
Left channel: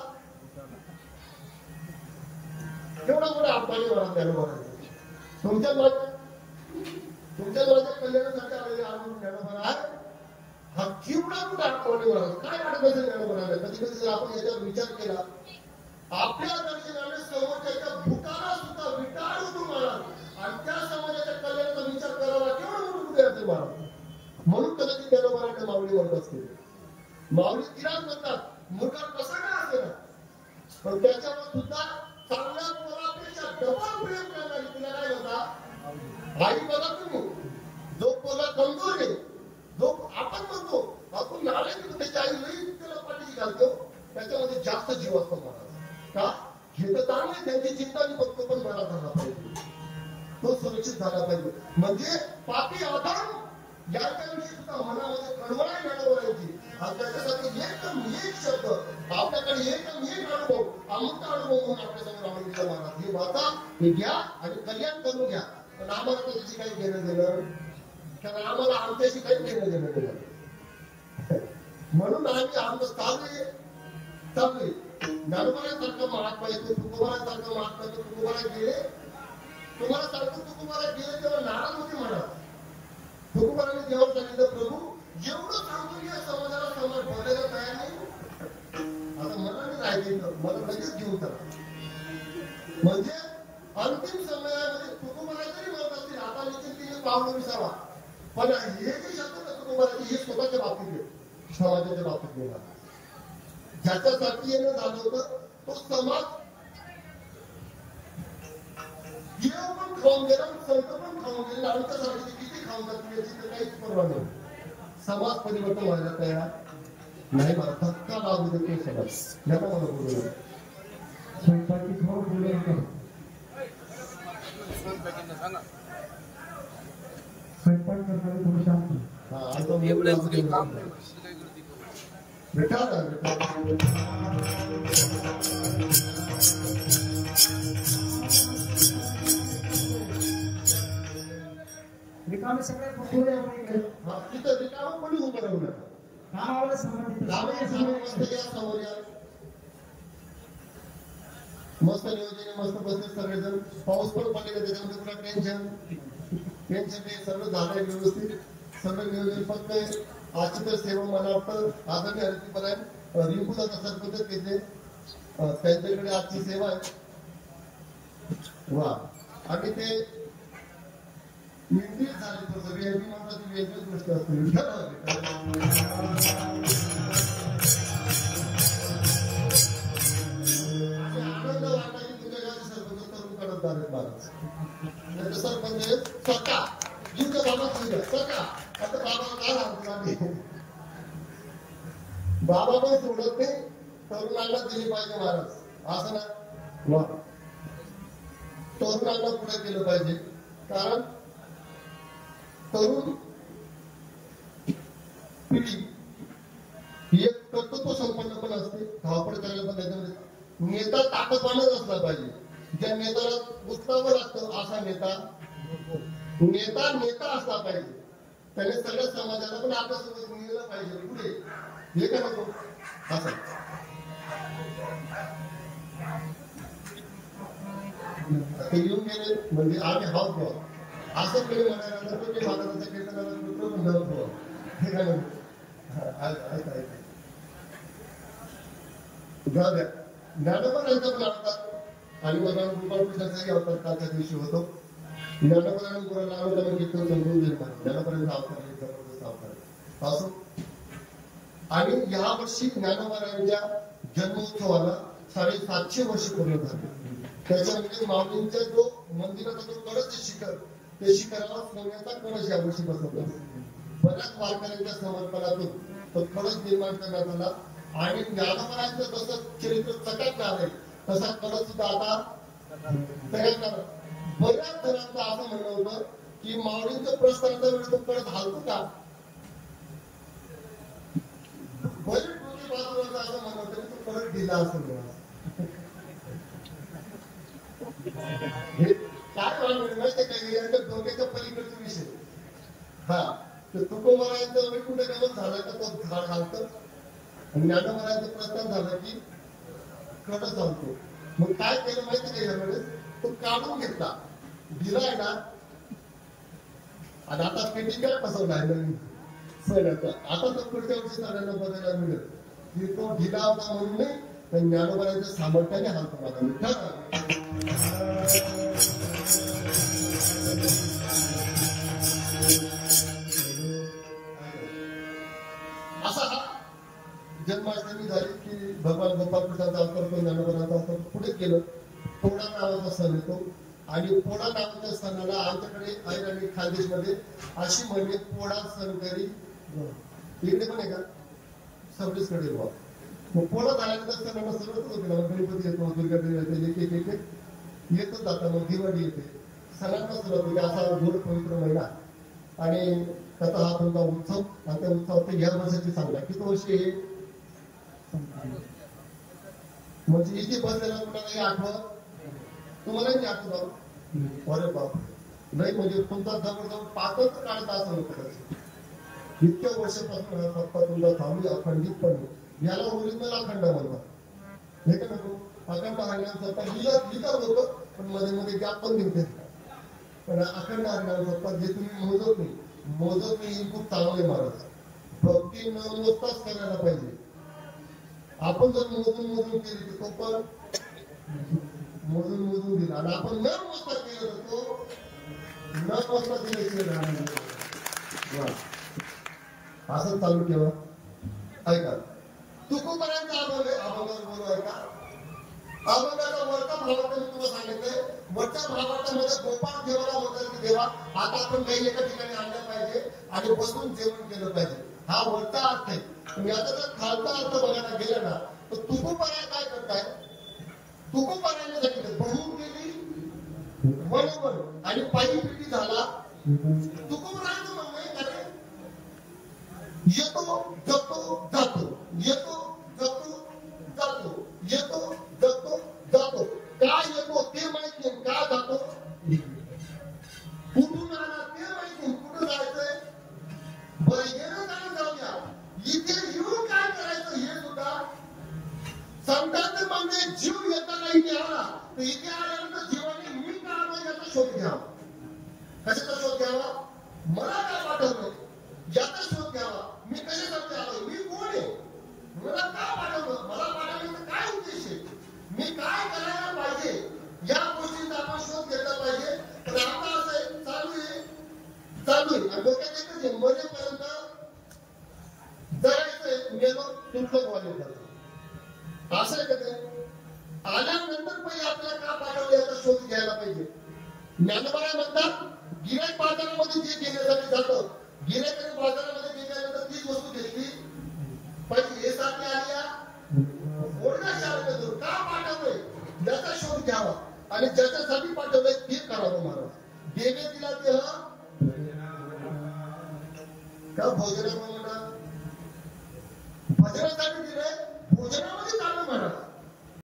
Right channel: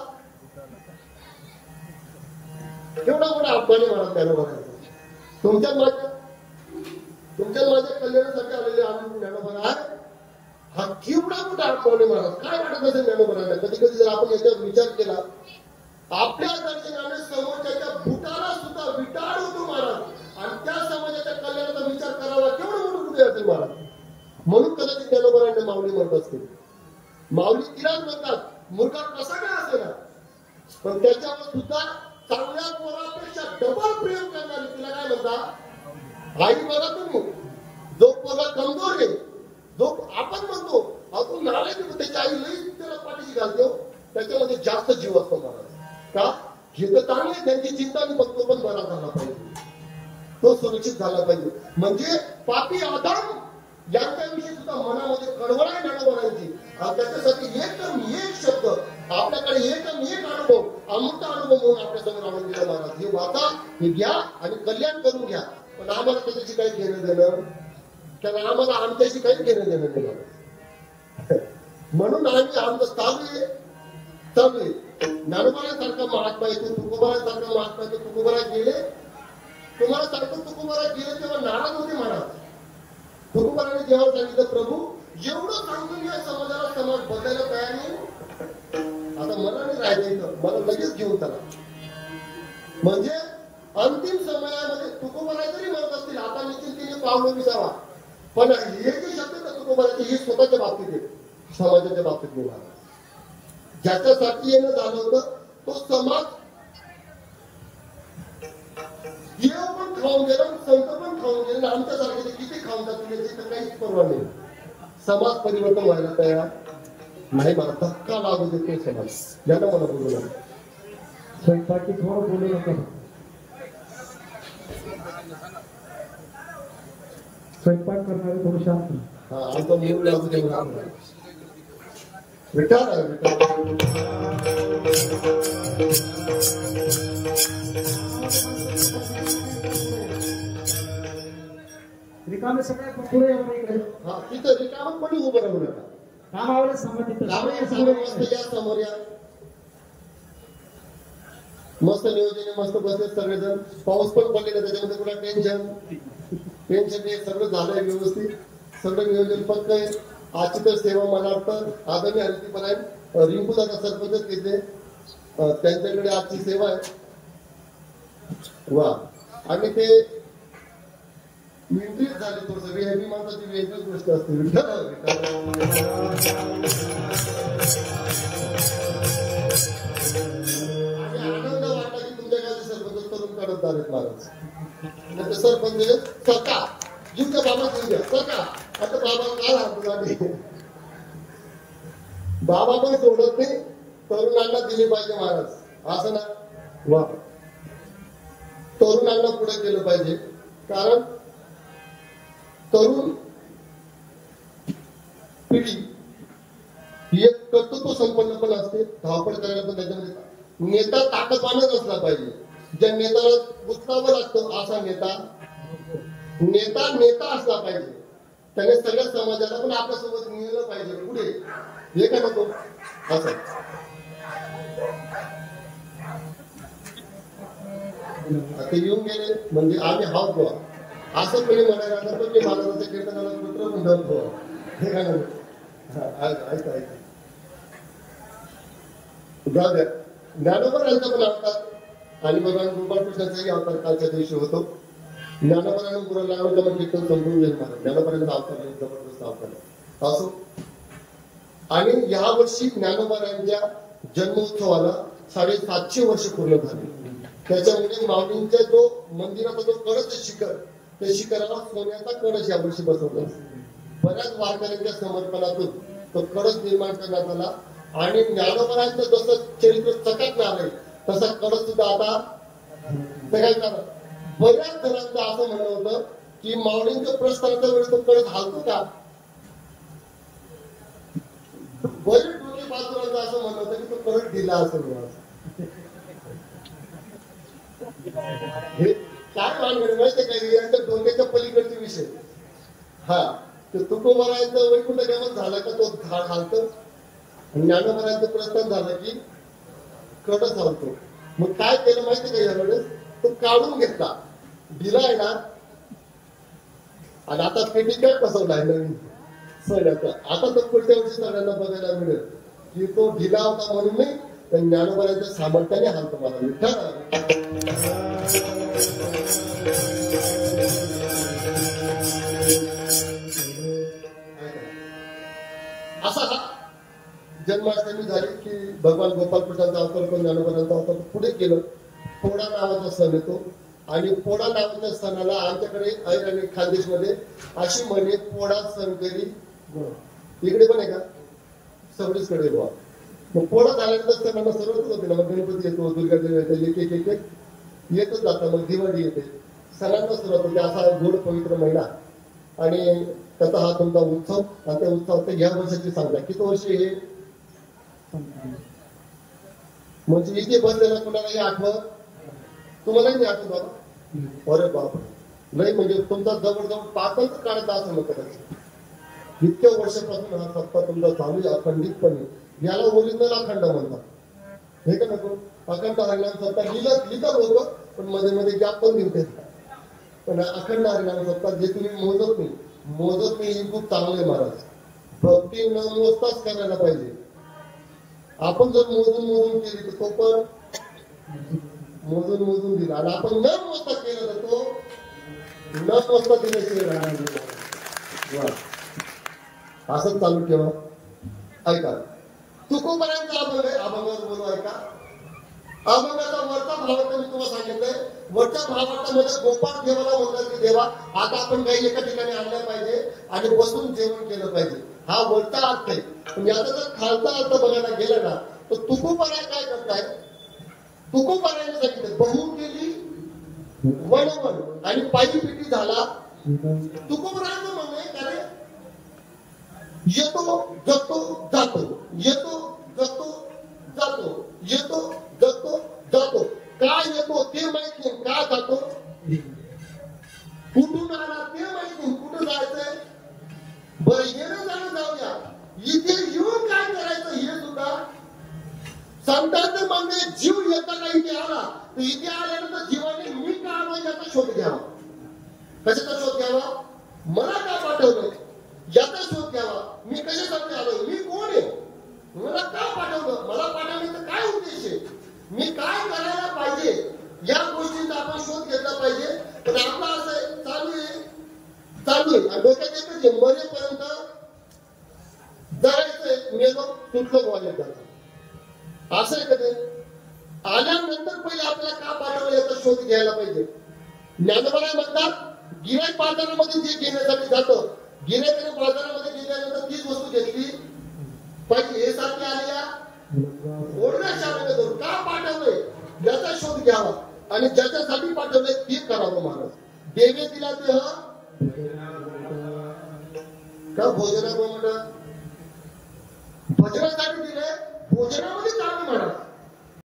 एवढा मोठा अपमानी महाराज ज्ञानोबा. तुमच्या माझ्या कल्याणासाठी आलेले आम्ही ज्ञानोबा हा केवढा मोठा अपमानी महाराज. काय वाटत असेल ज्ञानोबाला. कधी कधी जर आपण याच्यावर विचार केला आपल्या दर्शनाने समोरच्या भूताला सुद्धा विटाळ होतो महाराज आणि त्या समाजाच्या कल्याणाचा विचार करावा केवढं मोठं कुठे असेल महाराज. म्हणून कदाचित ज्ञानोबाने माऊली म्हणत असते. माऊली तिलाच म्हणतात मूर्खा कसा काय असेल पण त्याच्यावर सुद्धा चांगल्या पोरापेक्षा डबल प्रेम करणारी तिला काय म्हणतात आई. बघा तुम्ही जो पोरा कमजोर आहे जो आपण म्हणतो आपण नारायण त्याची आई लई त्याला पाठीशी घालतो त्याच्यामध्ये जास्त जीव असतो महाराज. का हे तर चांगले त्यांची चिंता आणि फक्त पण बरा झाला पाहिजे, तो सुरक्षित झाला पाहिजे. म्हणजे पापी आदाम यांच्याविषयी सुद्धा मनामध्ये कळवळा निर्माण करायची. त्याच्यासाठी एक शब्द आपल्याकडे एकदम एक अनुभव, अमृत अनुभव म्हणून आपल्यासमोर आणून दिला महाराज. हे वाचा, हे घ्या आणि कल्याण करून घ्या. पण आम्हाला त्याच्याशी काही घेणं देणं, कारण आम्हाला आमच्याशी काही घेणं देणं केलं. म्हणून आम्ही आमचं चालू आहे. ज्ञानोबासारखा महात्मा येतो, तुकोबासारखा महात्मा येतो. तुकोबाला गेले, तुम्हाला सांगतो तुकोबाला गेले तेव्हा नाराज होते महाराज. तुकोबाने देवाला सांगितलं, प्रभू एवढं सांगून या समाजाला समाज बदलायला तयार नाही. आता मला नाही राहायचं, मला लगेच घेऊन चला. म्हणजे अंतिम समयामध्ये तुकोबाला जरी म्हणत असतील आता निश्चित केले पावलं विसावा, पण हे जे शब्द तुकोबाला हे स्वतःच्या बाबतीत आहे, समाजाच्या बाबतीत नाही. ज्याच्यासाठी येणं झालं होतं तो समाज देव पण खाऊन गेला, संत पण खाऊन गेले, आमच्यासारखे किती खाऊन जातील याची तर काहीच परवा नाही. समाज परिवर्तन व्हायला तयार नाही. मला धक्का लागू देते समाज. याला मला बोलू स्वयंपाकी थोडं बोलू नका. स्वयंपाक करणारे थोडं शांत. रिकामे सगळे पुढे तिथं रिकाम पण उभं राहू नका. कामाला संबंधित समोर या. मस्त नियोजन, मस्त बसले सगळेजण. पाऊस पण पडलेला, त्याच्यामध्ये पुन्हा टेन्शन नाही. सगळं झालंय व्यवस्थित, सगळं नियोजन फक्त आजची तर सेवा मला वाटतं आदमी हरिती पण आहे. रिंकू दादा सरपंच घेतले, त्यांच्याकडे आजची सेवा आहे. वा. आणि ते वेगळीच झाली तो सगळे. मी म्हणतो ती वेगळीच गोष्ट असते. आनंद वाटला की तुमच्या गावचे सरपंच करून काढत आले महाराज. सरपंच स्वतः जिंकं बाबा जिंकं स्वतः. आता बाबा काय सांगतो, बाबा पण सोडत नाही, तरुणांना दिले पाहिजे महाराज. असं ना, वा. तरुणांना पुढे केलं पाहिजे, कारण तरुण पिढी ही एक कर्तृत्व संपन्न पण असते. धावपळ करायला पण त्याच्यामध्ये नेता ताकदवानच असला पाहिजे. ज्या नेत्याला पुस्तकावर लागतं असा नेता असला पाहिजे. त्याने सगळ्या समाजाला पण आपल्यासोबत नेलं पाहिजे पुढे. हे काय नको असं. आता येऊन गेले म्हणजे आम्ही हाव किंवा असं कोणी म्हणायला तर मी महाराजांच्या कीर्तनाला पुत्र म्हणतो. हे काय नको. ज्ञानोबांचा पण अवतार आणि भगवान गोपाळकृष्णाचाही अवतार कालच्या दिवशी होतो. ज्ञानोबांनी गुरुला आवडलं मग कीर्तन समजून घेत नाही. ज्ञानोबांचा अवतार आहे, जबरदस्त अवतार असो. आणि या वर्षी ज्ञानोबांच्या जन्मोत्सवाला 750 वर्ष पूर्ण झाली. त्याच्यामध्ये माऊलींच्या जो मंदिराचा जो कळस शिखर, त्या शिखराला सोन्याचा कळस यावर्षी बसवला. बऱ्याच वारकऱ्यांच्या समर्पणातून तो कळस निर्माण करण्यात आला. आणि ज्ञानोबांचं जसं चरित्र चकाकलं आहे तसा कळस सुद्धा आता करायचा. बऱ्याच जणांचं असं म्हणणं होतं की माऊलींच्या प्रस्थानाच्या वेळेस तो कळस हालतो का. बरेच बाजूला असं म्हणत होतं की तो कळस ढिला असेल. हे काय माहिती काय यांच्या डोक्याच्या पलीकडचा विषय. हा, तर तुकोबारायचं वैकुंठ गमन झालं का तो झाड हालतो. ज्ञानोबारायचं प्रस्थान झालं की कडच हालतो. मग काय केलं माहिती का यावेळेस, तो काढून घेतला, दिलाय ना. आणि आता पेटिकल बसवलाय नवीन सगळ्याचा. आता तर पुढच्या वर्षी सगळ्यांना बघायला मिळेल की तो ढिला होता म्हणून नाही, पण ज्ञानोबारायच्या सामर्थ्याने हालतो मला. असा जन्माष्टमी झाली की भगवान गोपाळकृष्णाचा अवतार करून ज्ञानोबांचा अवतार पुढे केलं. पोळा नावाचा सण येतो आणि पोळा नावाच्या सणाला आमच्याकडे आणि खानदेशमध्ये अशी म्हणजे पोळा सण करी. इकडे पण आहे का, सगळीचकडे मग पुढं आल्यानंतर सगळ्यांना सर्वच होते ना, गणपती येतो, दुर्गा देवी येते, एक येतच जातं. मग दिवाळी येते, सणांना सुरुवात होते. असा गोड पवित्र महिना आणि त्याचा हा तुमचा उत्सव. आणि त्या उत्सवात ह्या वर्षाची सांगा किती वर्षी हे म्हणजे इथे बसलेला कुणालाही आठवत, तुम्हालाही आठवत. अरे बाप नाही, म्हणजे तुमचा जवळजवळ पाचच काढता असं नको. इतक्या वर्षापासून हा सप्ताह तुमचा चालू आहे अखंडितपणे. याला ओरिजिनल अखंड म्हणतात, हे का नको. अखंड हरिनाम सप्ताह लिहिलं होतं, पण मध्ये मध्ये गॅप पण दिवते. पण अखंड हरिनाम सप्ताह जे तुम्ही मोजत नाही खूप चांगले महाराज. भक्ती न मोजताच करायला पाहिजे. आपण जर मोजून केली तर तो पण मोजून दिला, आणि आपण न मोजता केलं तर तो न मोजता दिल्याशिवाय राहणार. असं चालू ठेवा. ऐका, तुकोबारांचा अभंगावर बोलू. ऐका, अभंगाचा वरचा भावार्थ मी तुम्हाला सांगितलंय. वरच्या भावार्थामध्ये गोपाळ देवाला बोलतात की देवा आता आपण काही एका ठिकाणी आणलं पाहिजे आणि बसून जेवण केलं पाहिजे. हा वरचा अर्थ आहे. पण याचा जर खालचा अर्थ बघायला गेला ना, तर तुकोबारा काय करताय, तुकोबाराने सांगितलं बहु केली वनवन आणि पायी पिटी झाला. तुकोबाराचं म्हणणं आहे का रे, येतो जगतो जातो, येतो जगतो जातो, येतो जगतो जातो. काय येतो ते माहित नाही, काय जातो कुठून आला ते माहित नाही, कुठं जायचंय. बरं येणं जाणं जाऊ द्या, इथे येऊन काय करायचं हे सुद्धा संतांचे म्हणणे. जीव येताना इथे आला तर इथे आल्यानंतर जीवाने मी का आलो याचा शोध घ्यावा. कशाचा शोध घ्यावा, मला काय पाठवलं याचा शोध घ्यावा. मी कशासाठी आलो, मी कोण आहे, मला का पाठवलं, मला पाठवण्याचा काय उद्देश आहे, मी काय करायला पाहिजे, या गोष्टींचा आपण शोध घेतला पाहिजे. तर आपला असं चालू आहे आणि डोक्यात एकच आहे, मरेपर्यंत जरायचंय मेलो तुमचं बोलायला जायचं. असं कधी आल्यानंतर पहिले आपल्याला का पाठवलं याचा शोध घ्यायला पाहिजे. ज्ञानोबा म्हणतात गिऱ्हाईक बाजारामध्ये जे घेण्यासाठी जातं, गिऱ्हाईकाने बाजारामध्ये गेल्यानंतर तीच वस्तू घेतली पाहिजे. हे सारखी आली या का पाठवलंय याचा शोध घ्यावा आणि ज्याच्यासाठी पाठवलंय ते करावं. महाराज देवे दिला ते का भोजनामध्ये भजनासाठी दिलंय, भोजना